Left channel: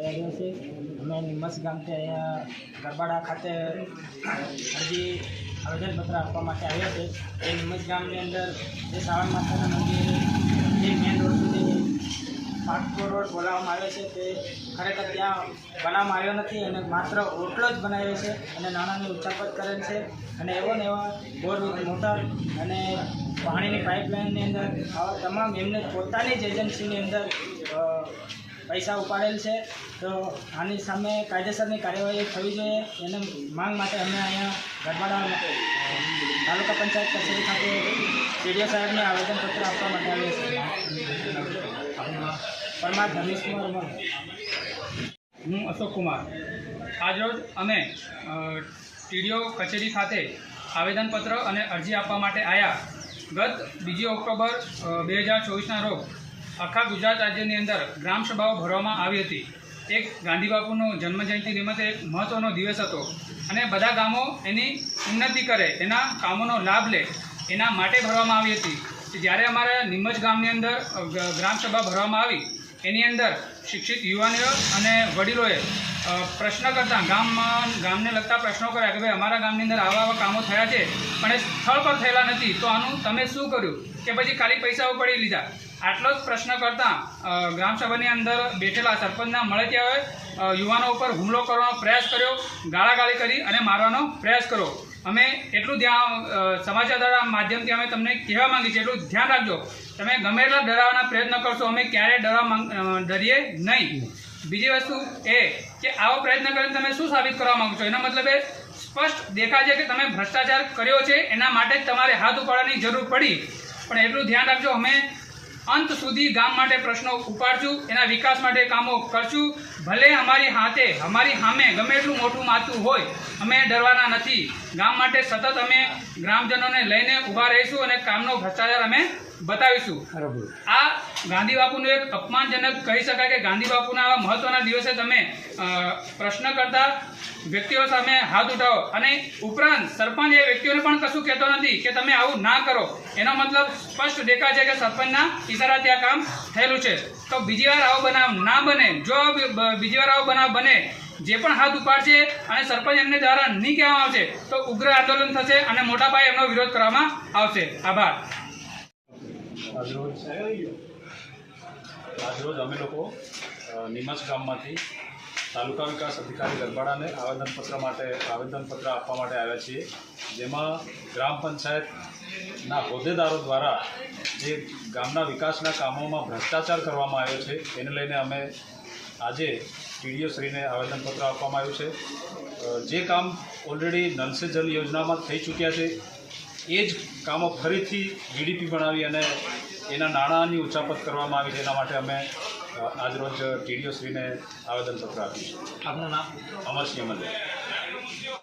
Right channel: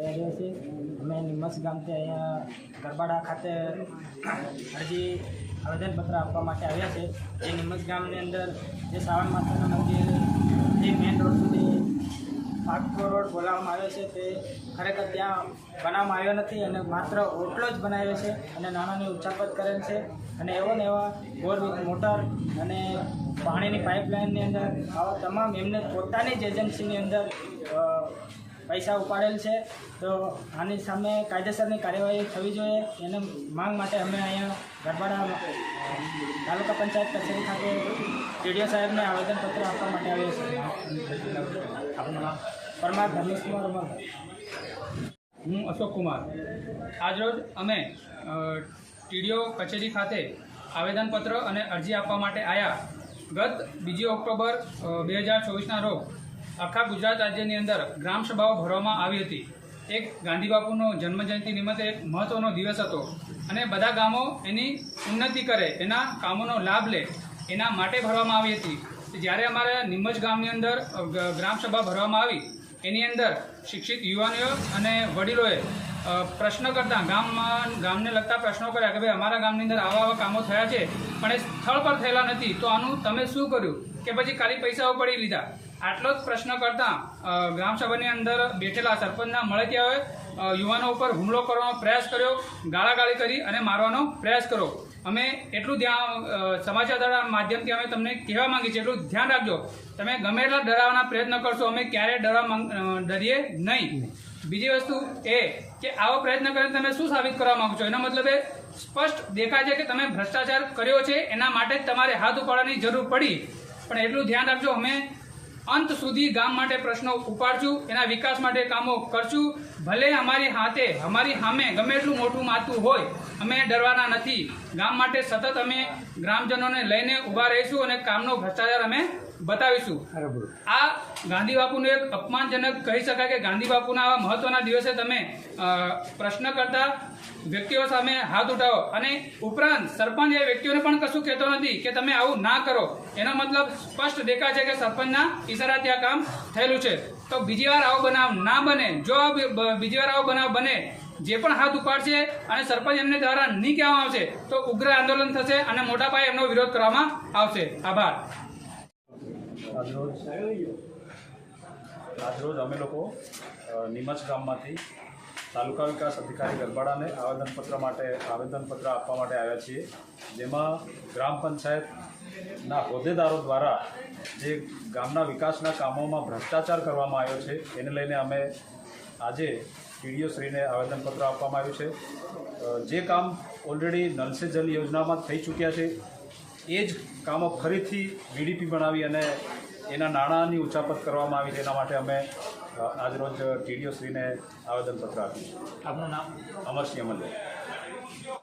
એ આવ્યો છે। અમે નિમસ ગામથી અહીંયા ગરબાડા ખાતે અરજી આવેદનપત્ર આપવા માટે આવ્યા છે। એ નિમસ ગામની અંદર જે શ્રાવણ માતાના મંદિર જે મેઇન રોડ સુધી પાટપુર રોડ બોલાવવામાં આવે છે તે ખરેખર ત્યાં બનાવવામાં આવ્યો નથી અને માત્ર ઓટલો જ બનાવ્યો છે અને નાણાંની ઉચાપત કરેલ છે અને એવો ને એવા બોર મોટર અને પાણીની પાઇપલાઇનની અંદર આવા તમામ એમને પોતાની જ એજન્સીની અંદર પૈસા ઉપાડેલ છે। તો આની સામે કાયદેસરની કાર્યવાહી થવી જોઈએ એને માંગ માટે અમે અહીંયા ગરબાડા તાલુકા પંચાયત કચેરી ખાતે ટીડીઓ સાહેબને આવેદનપત્ર આપવા માટે આવ્યા છે। પરમાર ધનેશ કુમાર અમર। હું અશોક કુમાર। આજરોજ અમે ટીડીઓ કચેરી ખાતે આવેદનપત્ર અને અરજી આપવા માટે આવ્યા। ગત 2 ઓક્ટોબર 2024ના રોજ આખા ગુજરાત રાજ્યની અંદર ગ્રામસભાઓ ભરવામાં આવી હતી। એક ગાંધી બાપુનો જન્મજયંતિ નિમિત્તે એક મહત્ત્વનો દિવસ હતો અને બધા ગામો એની ઉન્નતિ કરે, એના કામોનો લાભ લે એના માટે ભરવામાં આવી હતી। જ્યારે અમારે નિમજ ગામની અંદર ગ્રામસભા ભરવામાં આવી એની અંદર શિક્ષિત યુવાનીઓ અને વડીલોએ પ્રશ્ન કરતા ગામને લગતા પ્રશ્નો કર્યા કે ભાઈ અમારા ગામની અંદર આવા કામો થયા છે પણ એ સ્થળ પર થયેલા નથી, તો આનું તમે શું કર્યું કે પછી ખાલી પૈસાઓ પડી લીધા? આટલો જ પ્રશ્ન કરતાં ગ્રામસભાની અંદર બેઠેલા સરપંચના મળતિયાઓએ યુવાનો ઉપર હુમલો કરવાનો પ્રયાસ કર્યો, ગાળાગાળી કરી અને મારવાનો પ્રયાસ કર્યો। અમે એટલું ધ્યાન સમાચારના માધ્યમથી અમે તમને કહેવા માંગીએ છીએ, એટલું ધ્યાન રાખજો, તમે ગમે એટલા ડરાવવાના પ્રયત્ન કરશો, અમે ક્યારેય ડરીએ નહીં। બીજી વસ્તુ એ કે આવો પ્રયત્ન કરીને તમે શું સાબિત કરવા માગો છો? એનો મતલબ એ સ્પષ્ટ દેખાય છે કે તમે ભ્રષ્ટાચાર કર્યો છે, એના માટે જ તમારે હાથ ઉપાડવાની જરૂર પડી। પણ એટલું ધ્યાન રાખજો, અમે અંત સુધી ગામ માટે પ્રશ્નો ઉપાડશું, એના વિકાસ માટે કામો કરશું। ભલે અમારી સામે ગમે એટલું મોટું માથું હોય, અમે ડરવાના નથી। ગામ માટે સતત અમે ગ્રામજનોને લઈને ઊભા રહીશું અને કામનો ભ્રષ્ટાચાર અમે બતાવીશું। આ ગાંધી બાપુનું એક અપમાનજનક કહી શકાય કે ગાંધી બાપુના આવા મહત્વના દિવસે તમે પ્રશ્ન કરતા વ્યક્તિઓ સામે હાથ ઉઠાવો અને ઉપરાંત સરપંચ એ વ્યક્તિઓને પણ કશું કહેતો નથી કે તમે આવું ના કરો। એનો મતલબ સ્પષ્ટ દેખાય છે કે સરપંચના ઈશારાથી આ કામ થયેલું છે। તો બીજી વાર આવો બનાવ ના બને। જો બીજી વાર આવો બનાવ બને, જે પણ હાથ ઉપાડશે અને સરપંચ એમને દ્વારા નહીં કહેવામાં આવશે તો ઉગ્ર આંદોલન થશે અને મોટા પાયે એમનો વિરોધ કરવામાં આવશે। આભાર। આજરોજ અમે લોકો નિમજ ગામમાંથી તાલુકા વિકાસ અધિકારી ગરબાડાને આવેદનપત્ર આપવા માટે આવ્યા છીએ, જેમાં ગ્રામ પંચાયતના હોદ્દેદારો દ્વારા જે ગામના વિકાસના કામોમાં ભ્રષ્ટાચાર કરવામાં આવ્યો છે એને લઈને અમે આજે ટીડીઓ શ્રીને આવેદનપત્ર આપવામાં આવ્યું છે। જે કામ ઓલરેડી નલ સે જલ યોજનામાં થઈ ચૂક્યા છે એ જ કામો ફરીથી જીડીપી બનાવી અને એના નાણાંની ઉચાપત કરવામાં આવી છે, એના માટે અમે આજરોજ ટીડીઓ શ્રીને આવેદનપત્ર આપ્યું છે। આપનું નામ? અમરસિંહ અમલે।